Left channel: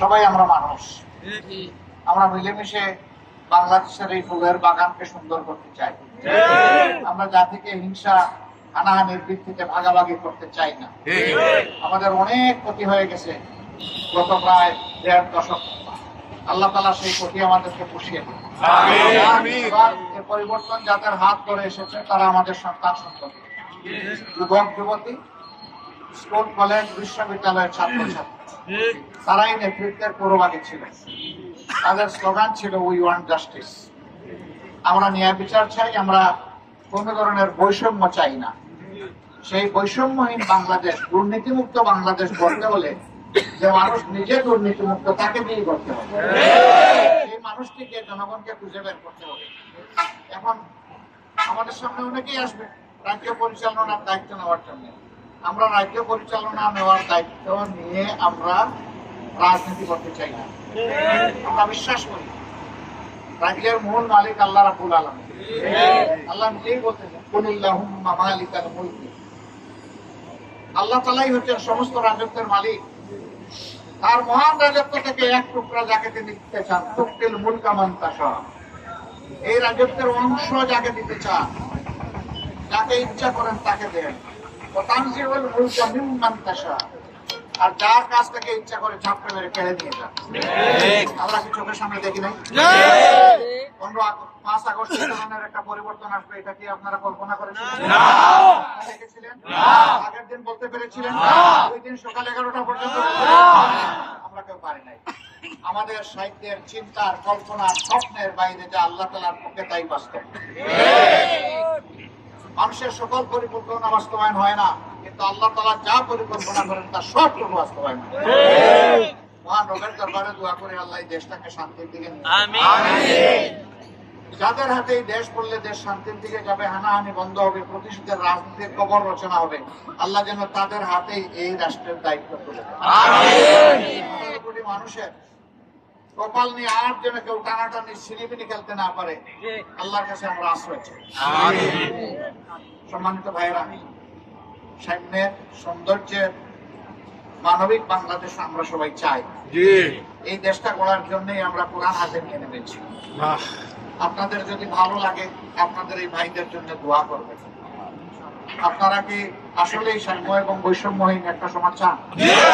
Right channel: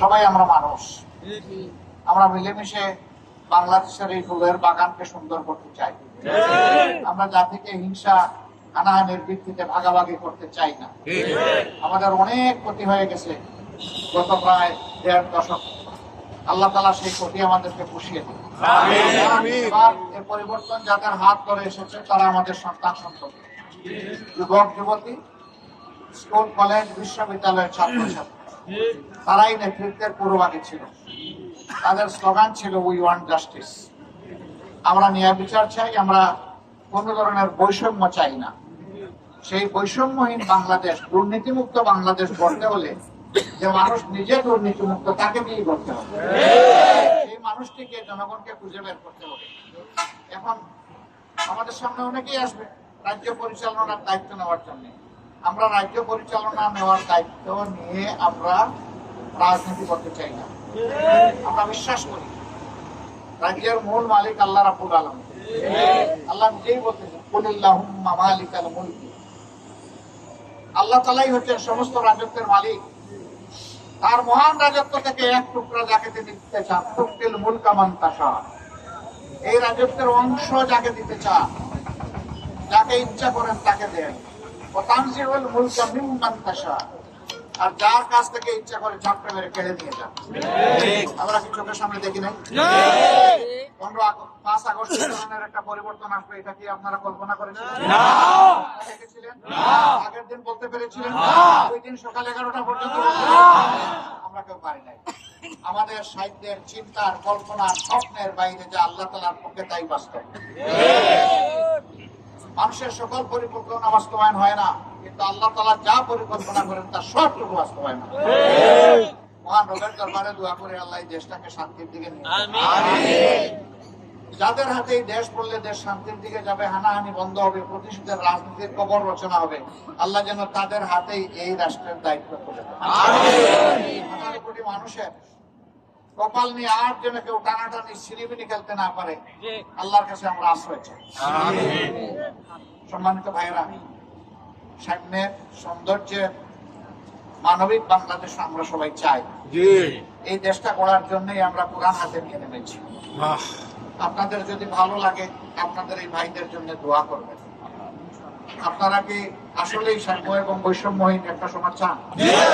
সবাই আমরা মানুষ। আমরা মিলেমিশে বাংলাদেশের এই ফুলের বাগানকে সুন্দর করতে চাই। আমরা জাতিকে হিংসা হানাহানির ভিত্তিতে ভাগাভাগি করতে চাই না। আমাদের অনেক ক্ষতি হয়ে গেছে গত প্রায় দেড় দশক। আল্লাহ তালা সেই ক্ষতি আমাদেরকে পুষিয়ে দিন এবার এ পরিবর্তন যাদের হাত ধরে এসেছে তারা আমাদের সন্তান সন্ততি। যুবক যুবতী স্কুল কলেজ বিশ্ববিদ্যালয়ের ছাত্র ছাত্রী তারাই নেতৃত্বের ছিল তাদের স্লোগান ছিল উই ওয়ান্ট জাস্টিস আমরা ন্যায় বিচার চাই, আমরা কোন ধরনের বৈষম্য চাই না। সেই বৈষম্যহীন বাংলাদেশ, দুর্নীতিমুক্ত বাংলাদেশ গড়তে হলে যে মানুষ নিজে দুর্নীতিমুক্ত, তাকে দিয়ে করতে হবে। সেই মানুষটিকে জনগণকে খুঁজে বের করতে হবে। এখন আমাদের সামনে অনেকেই আসবে, রাজ্য পরিচালনার দায়িত্ব নেওয়ার জন্য। আমরা রাজ্য পরিচালনা নেওয়ার দায়িত্ব নিয়ে আমরা রাজনীতি করতে চাই না। আমরা বিশ্বাস করি। রাজ্যের মূল মালিক আল্লাহ রাবুল আলম আল্লাহ নিজেই বলতেছেন আল্লাহ তালাই হচ্ছেন সমস্ত রাজত্বের মালিক। তার মহান রাজত্ব থেকে এক টুকরা যাকে তিনি দিতে চান তুক্তিল মূল কামান তাসা এই রাজত্বের অংশ যাকে দিতে চান, যাকে ইচ্ছা করেন তাকে দেন। আর যার কাছ থেকে ইচ্ছা করে ঝাপটা মেরে কেড়ে নিয়ে যান। আমরা কি চোখের সামনে দেখি নাই? পনেরো পাঁচ আগস্ট একটা পরিবর্তন আসবে এটা কি আপনারা কল্পনা দেখেছিলেন? আগের দিন বলতে পেরেছিলেন ওই দিন সকাল এগারোটা পর্যন্ত আমরা কেউ পারি নাই। আমাদের সাহিত্যের চিন্তার কল্পনার স্বপ্নের বাইরে যে আল্লাহ তালার পক্ষে তাই বাস্তব। মানুষের সকল পরিকল্পনা বাস্তবায়ন হয় না কিন্তু আল্লাহ তালা যা পরিকল্পনা করেন তার সবটুকু বাস্তবায়ন হয়। মহান রবের দরবারে দোয়া করে আল্লাহ দেশটাকে শান্তির দিকে যাদের হাতে এই দেশ পড়লে দেশ শান্তির দিকে যাবে হানাহানি বন্ধ হবে রাজনীতির কবর রচনা হবে আল্লাহ যেন তাদের হাতেই এই রাষ্ট্রের দায়িত্ব তুলে কোটি মানুষের কপাল নিয়ে আর যেন কেউ টানাটানি সিরিবিনি খেলতে না পারে আল্লাহর কাছে আমরা আশ্রয় চাই। সম্মানিত ভাইয়েরা সাম্যের সৌন্দর্যের মানবিক বাংলাদেশ আমরা সবাই চাই। এই দেশটা করার জন্যই আমরা কোরআন হাতে নিয়ে নেমেছি। আপনাদের যদি ভালো লাগে আপনাদের এই ভাইদের জন্য দোয়া করবেন। আপনারা কি আসলেই সাম্য এবং বৈষম্যহীন একটা সমাজ চান?